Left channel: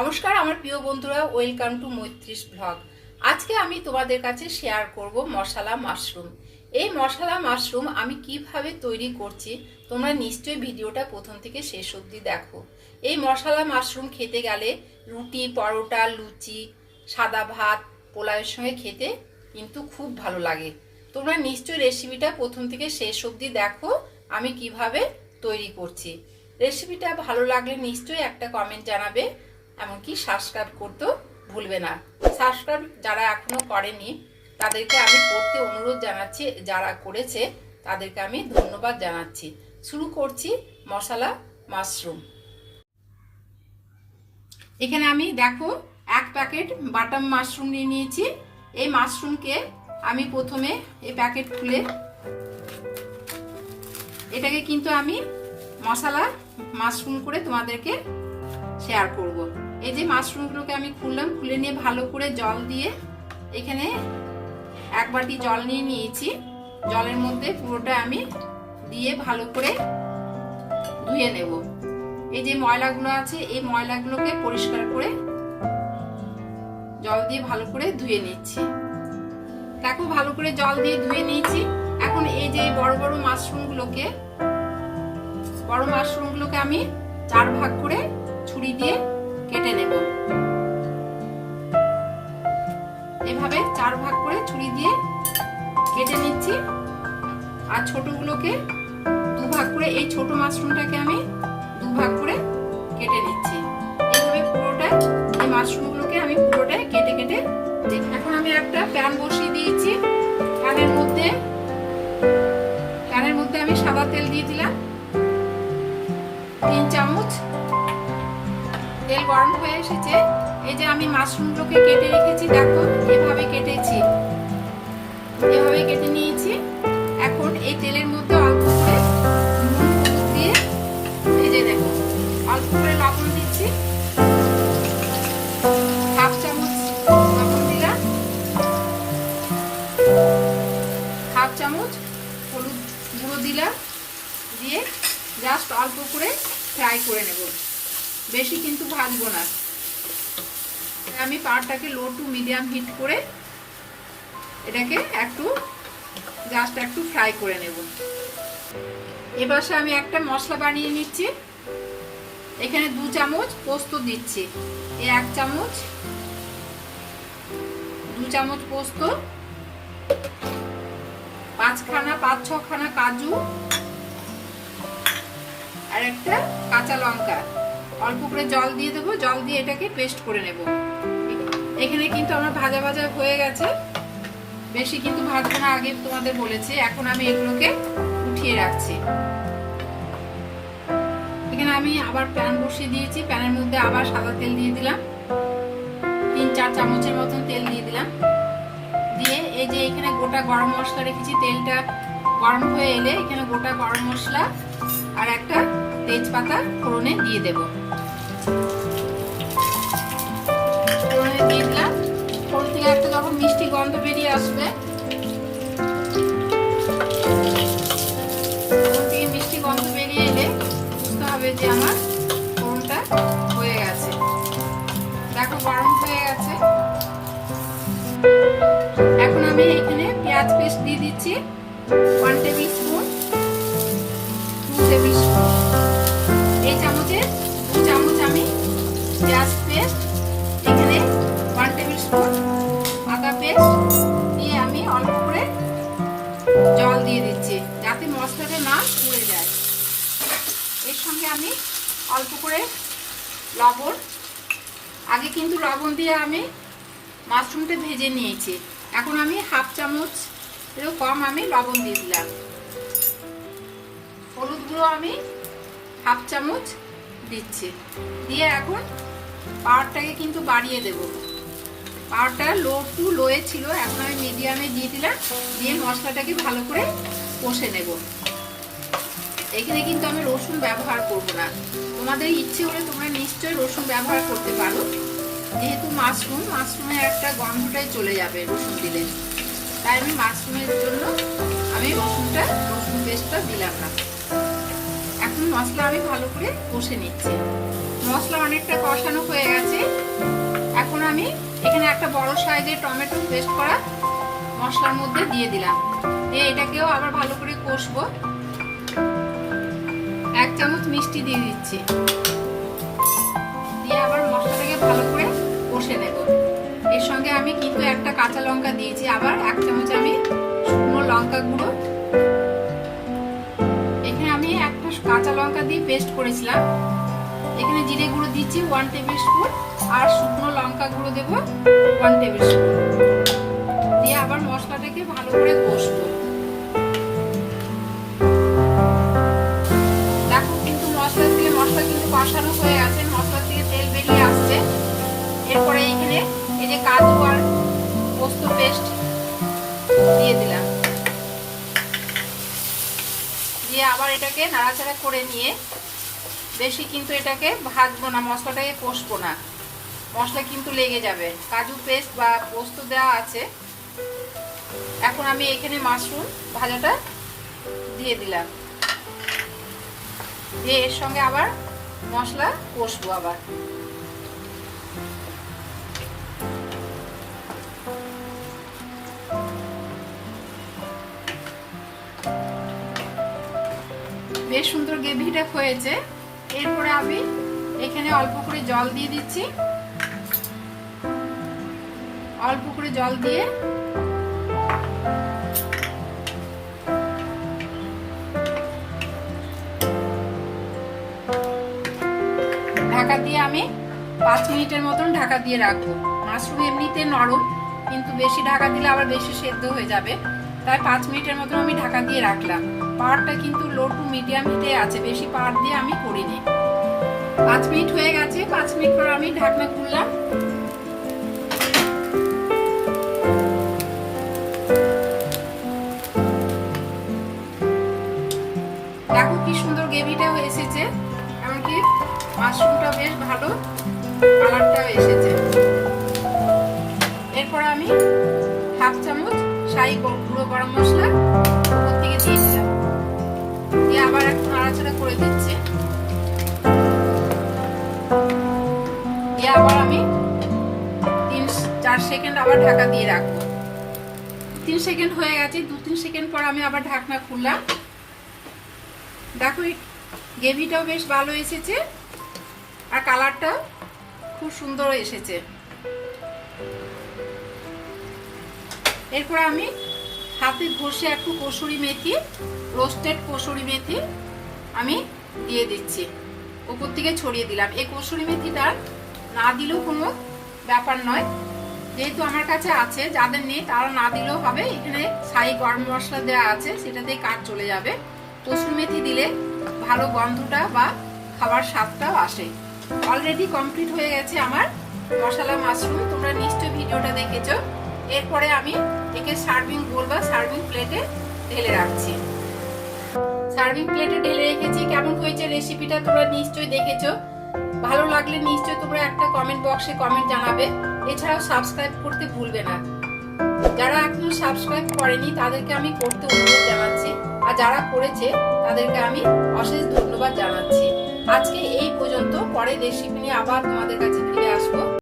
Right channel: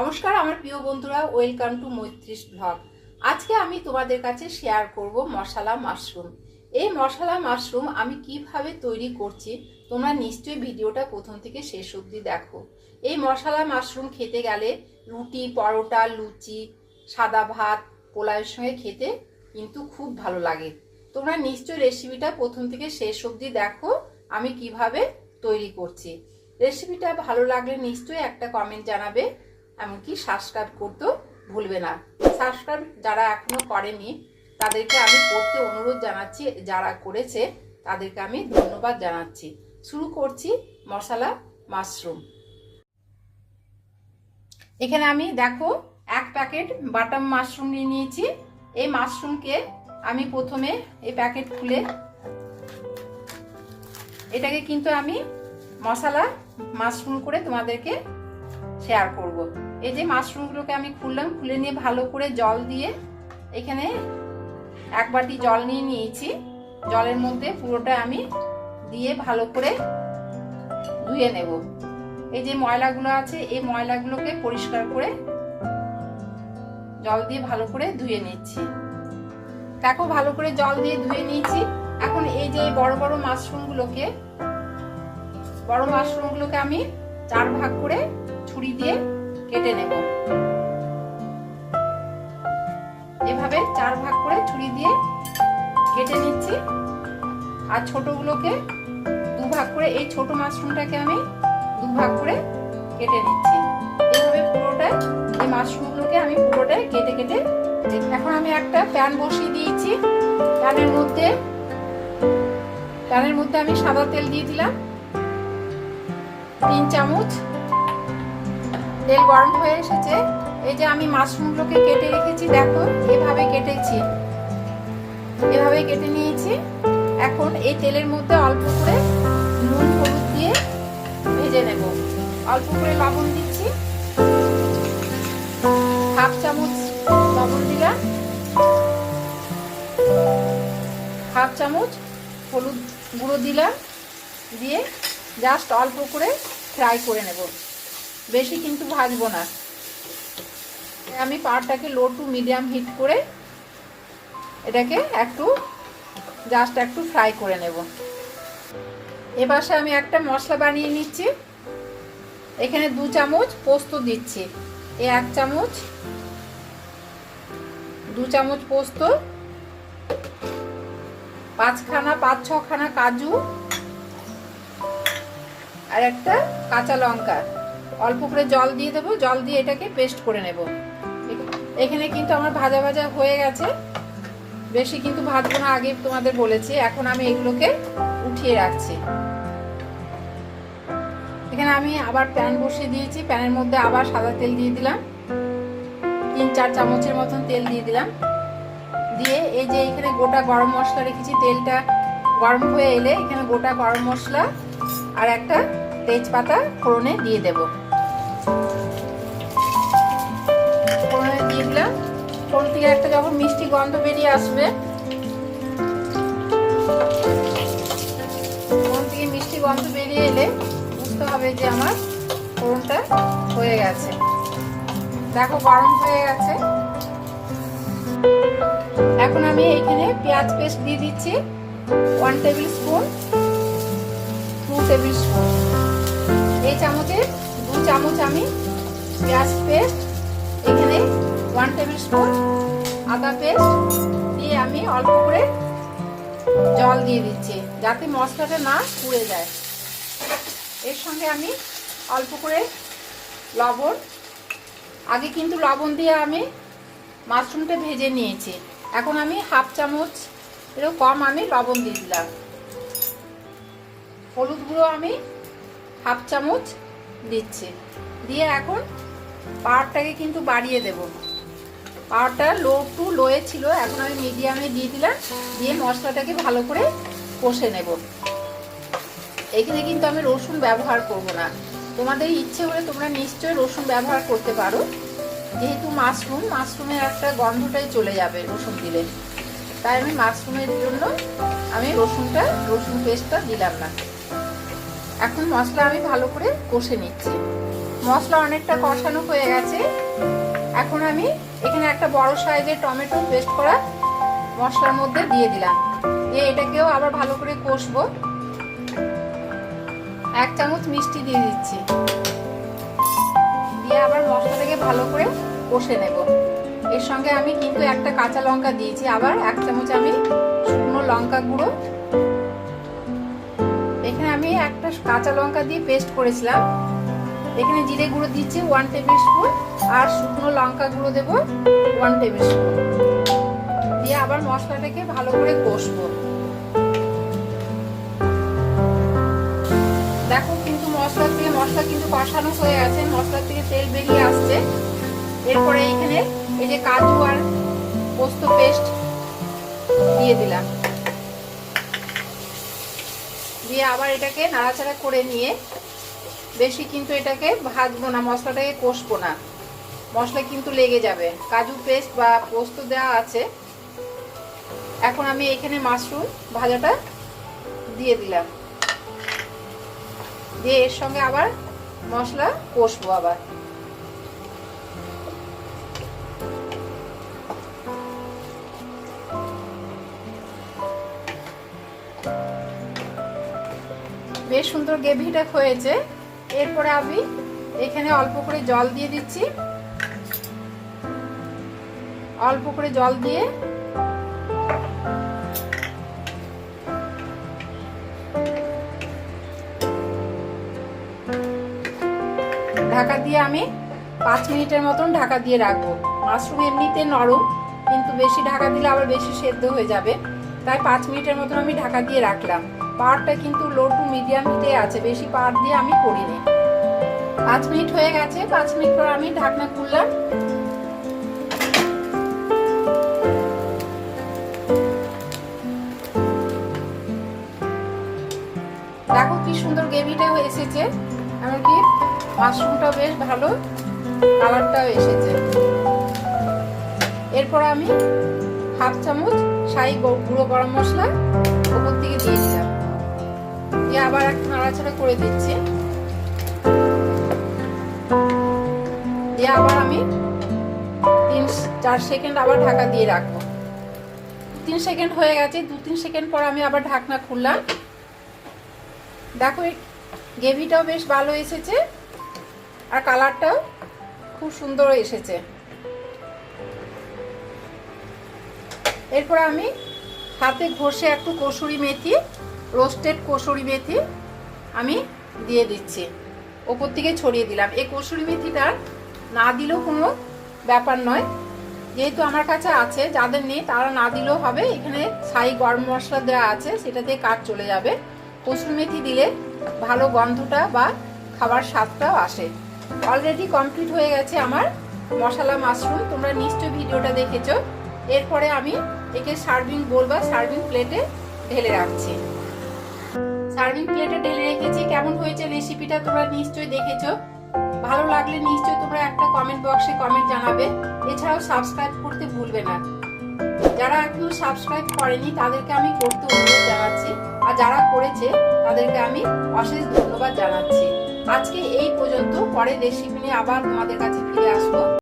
নমস্কার, আমার প্রিয় বন্ধুরা ওয়েলকাম টু মৈত্রিস ব্লগ আজকে আমি তোমাদের কাছে শেয়ার করব মশলা মাশরুম এই মশলা মাশরুম আমি কীভাবে তৈরি করছি, তোমরা নিশ্চয়ই ভিডিওটা প্রথম থেকে শেষ অবধি দেখো। এই মশলা মাশরুম খেতে গেলে রুটি, পরোটা, লুচি, সাদা ভাত, পোলাওয়ের সঙ্গে খেতে কিন্তু খুব ভালো লাগে। তোমরা নিশ্চয়ই রেসিপিটা প্রথম থেকে শেষ অবধি দেখো, আমি কীভাবে তৈরি করছি। রেসিপিটা ভালো লাগলে নিশ্চয়ই একটা কমেন্ট জানাবে। এমনকি সাবস্ক্রাইব করতেও ভুলবে না। সাবস্ক্রাইব যারা এখনও করেনি, তাদেরকে আমি করতে অনুরোধ জানাচ্ছি, যারা করেছে, তাদেরকে আমি ধন্যবাদ জানাচ্ছি। শুরু করছি মশলা মাশরুম। এখানে আমি দেখো, এক প্যাকেট বাটাম মাশরুম নিয়ে নিয়েছি। এই মাশরুমকে আমি প্রথমে এই প্যাকেট খুলে এটাকে কিন্তু আমি মশলা মাশরুম করে তোমাদেরকে শেয়ার করব। এই যে মাশরুমগুলোকে আমি খুললাম, খুলে নিয়ে ভালো করে জল দিয়ে এখানে এক বাটি জল নিয়ে নিয়েছি। জলের মধ্যে পুরোটা আমি দিয়ে ভালো করে ধুয়ে নেব। এই যে ময়লাগুলো আছে, এই ময়লাগুলোকে পরিষ্কার করে জল দিয়ে ভালো করে ধুয়ে নিচ্ছি। দেখো, ভালো করে জল দিয়ে ধুয়ে নিয়েছি। এখন এই যে বড় বড় মাশরুমগুলোকে বড় মাশরুমগুলোকে আমি চার ভাগ করে ছুরি দিয়ে কেটে নেব। এভাবে চার ভাগ করে ছুরি দিয়ে কেটে নিচ্ছি। আর ছোটগুলোকে দু ভাগ করে, এই ছোট মাশরুমটাকে আমি দু ভাগ করে কেটে নিচ্ছি। এইভাবে পুরোটা এই মাশরুমগুলোকে আমি পুরোটাই কেটে কেটে এখন আমি একটা প্যান বসিয়ে দিয়েছি। প্যানের মধ্যে প্যানের মধ্যে আমি সাদা তেল দিয়ে দিলাম। তিন চামচ তেল গরম হয়ে এসেছে। এই যে আমি মাশরুমগুলোকে কেটে রেখেছি, দেখো, এভাবে কেটেছি। এভাবে কেটে নিয়েছি। এখন এই তেলের মধ্যে অল্প করে নুন, হলুদ দিয়ে ভেজে নেব। অল্প করে লবণ দিচ্ছি। হাফ চামচ লবণ দিলাম। হাফ চামচ হলুদ গুঁড়ো দিলাম। দিয়ে জাস্ট অল্প করে ফ্রাই করে নেব। বেশি কিন্তু ভাজবো না। আমি পাড়টাকে লো টু মিডিয়াম হিট করে এটাকে একটু জাস্ট একটু ফ্রাই করে নেব। এপাশে আমি একটা মশলা বানিয়ে নিচ্ছি। এখানে দু চামচ পোস্ত দিচ্ছি। এ এক চামচ, দু চামচ পোস্ত, পাঁচখানা, পাঁচ ছখানা কাজু, আর একটা কাঁচা লঙ্কা। অল্প করে জল দিয়ে দেবো, জল দিয়ে এটাকে পেস্ট করে নেব। এখানে কিন্তু আমার ভাজা ভাজা হয়ে গেছে। বেশি কিন্তু ভাজবো না, আগে তোমাদের বলেছি। এখন আমি এগুলোকে উঠিয়ে রাখছি। এখানে আমি আবার প্যান বসিয়ে দিয়েছি। প্যানের মধ্যে আবার সাদা তেল দিয়ে দিলাম। তিন, চার চামচের মতন তেল দিয়ে দিলাম। দিয়ে এই যে এখানে গোটা গরম মশলা রেখেছি, তেলটা গরম হয়ে এলে এখানে গোটা গরম মশলা আর একটা তেজপাতা ফোড়নে দিয়ে দেব। ফোড়নে থেকে একটা যখন মিষ্টি গন্ধ বেরিয়ে আসবে ফোড়ন থেকে মিষ্টি গন্ধ বেরিয়ে এলে বুঝতে হবে যে আমার ফোড়নটা হয়ে গেছে। দেখো গরম হয়ে গেছে। এখন আমি এখানে পেঁয়াজ পেস্ট দিয়ে দিচ্ছি। ওয়ান টেবিল স্পুন আদা পেস্ট দিয়ে আমি অল্প করে জল দিয়ে দিচ্ছি, যাতে মশলাটা না পুড়ে যায়। এর সঙ্গে আমি অল্প করে লবণ। আগে কিন্তু লবণ দিয়ে আমি মাশরুমটা ভেজে নিয়েছি। এখন আমি হাফ চামচ এরও কম আমি লবণ দিয়ে দিলাম। হলুদ গুঁড়ো আমি হাফ চামচ দিচ্ছি। দিয়ে এখন পাওয়ারটাকে কিন্তু বাড়িয়ে দেব। পাওয়ারটা লো টু লোয়ে ছিল, এখন আমি মিডিয়ামে দিয়ে দিলাম, দিয়ে মশলাটাকে ভালো করে কষে নেব। এখানে কিন্তু আমি রসুন ব্যবহার করব না। তোমাদের ইচ্ছে হলে তোমরা নিশ্চয়ই রসুন ব্যবহার করতে পারো। যেহেতু মাশরুম, মাশরুমের একটা গন্ধটাই চলে যাবে রসুন দিলে। তাই আমি মাশরুমের জন্য আমি রসুনটা, রসুন পেস্টটা দিলাম না। এখন মশলা আমি ভালো করে কষে নিচ্ছি। মশলা অনেকটা কষানো হয়ে গেছে। এখন আমি এখানে একটা বড় সাইজের টমেটো পেস্ট করা মশলার মধ্যে দিয়ে দিলাম। দিয়ে এটাকেও আবার ভালো করে কষবো। এক চামচ মিষ্টি দিয়ে দিচ্ছি। দিয়ে আবার মশলাটাকে ভালো করে কষে নেব। এর সঙ্গে আমি কিন্তু একটা কাঁচা লঙ্কা দিয়েছি। আবার এক চামচ আমি শুকনো লঙ্কা গুঁড়ো। এখানে আমি একটা কাঁচা লঙ্কা দিয়ে পেস্ট করেছিলাম। এখানে জিরে গুঁড়ো দিচ্ছি ওয়ান টেবিল স্পুন আর শুকনো লঙ্কা গুঁড়ো দেবো ওয়ান টেবিল স্পুন দিয়ে আবার মশলাটাকে ভালো করে কষবো। দেখো কিন্তু মশলা থেকে মশলা কিন্তু কষানো হয়ে আছে মশলা থেকে তেল বেরিয়ে আসছে। এরপরে এখানে এই যে কাজু আর পোস্ত পেস্ট দিয়ে দিলাম। দিয়ে আবার এটাকে নাড়াচাড়া করে নিয়ে বেশি কিন্তু এটাকে ভাজবো না, মশলাটাকে কষবো না। মশলা কিন্তু লেগে যাবে। কাজু পেস্ট বা পোস্ত দেওয়া আছে। এখন আমি এখানে মাশরুম ভাজাটা দিয়ে দিলাম। দিয়ে এর সঙ্গে আবার মশলা কষবো আবার। বেশ সুন্দর গ্রেভিটা হয়েছে। এরপরে আমি এখানে অল্প করে জল দিয়ে দিচ্ছি। অল্প করে জল দিয়ে ঢাকা দিয়ে আমি পাঁচ মিনিটের মতন ঢাকা দিয়ে রাখব। মাশরুম এমনিতে নরম, কিন্তু বেশি ঢাকা দিলে আবার বেশি সেদ্ধ হয়ে যাবে। তাই পাঁচ মিনিটের মতন আমি ঢাকা দিয়ে রাখলাম। পাওয়ারটা কিন্তু লো টু মিডিয়াম হিটে আছে, বেশি পাওয়ার দিয়ে আমি করিনি। পাঁচ মিনিট হয়ে গেছে, পাঁচ মিনিট পর আমি ঢাকনা খুললাম। দেখো কি সুন্দর গ্রেভিটাও এসেছে, এমনকি মাশরুমটাও বেশ ভালো, কালারটাও এসেছে। এরপর আমি হাফ চামচ শাহি গুঁড়ো গরম মশলা, উপর থেকে দিয়ে নাড়াচাড়া করে দিচ্ছি। দিয়ে আবার আমি তিন চার সেকেন্ড আবার ঢাকা দিয়ে রাখব। তিন সেকেন্ড হয়ে গেছে, দু তিন সেকেন্ড পর আমি আবার ঢাকনা খুললাম। দেখো গ্রেভিটাও বেশ ভালো এসেছে আর কালারটাও খুব সুন্দর এসেছে। এরপর আমি হাতে ঘষে একটু কসুরি মেথি, রোস্টেড কসুরি মেথি আমি দিয়ে দিচ্ছি। ওপর থেকে ছড়িয়ে দিলাম। এই কসুরি মেথিটা না দিলেও কোনো ব্যাপার নয়। যেহেতু আমার কাছে আছে, যাদের নেই তারা না দিলেও হবে। এখানে ছাই গরম মশলা দেওয়া আছে সেটাতে কাজ চলে যাবে। কসুর মেথি দিলে ভালো গন্ধটা বা খাবার স্বাদটাও আসে। অলরেডি কমপ্লিট হয়ে গেছে আমার মশলা মাশরুম। তোমরা নিশ্চয়ই ভিডিওটা দেখেছ। এরপরে আমি একে সার্ভিং বোল বা সার্ভিং প্লেটে ঢেলে রাখছি। সার্ভিং প্লেটে ঢেলে রেখেছি। কেমন হয়েছে রেসিপিটা তোমরা নিশ্চয়ই দেখেছ। ভালো লাগলে নিশ্চয়ই তোমরা একটা কমেন্ট বক্সে কমেন্ট জানাবে। এছাড়াও সাবস্ক্রাইব করতে ভুলবে না। যারা এখনও সাবস্ক্রাইব করেনি, তাদেরকে আমি করতে অনুরোধ জানাচ্ছি। আর যারা করেছে, তাদেরকে আমি অশেষ ধন্যবাদ জানাচ্ছি। আজকে এই পর্যন্ত। পরে রেসিপি নিয়ে আবার তোমাদের কাছে ফিরে আসব।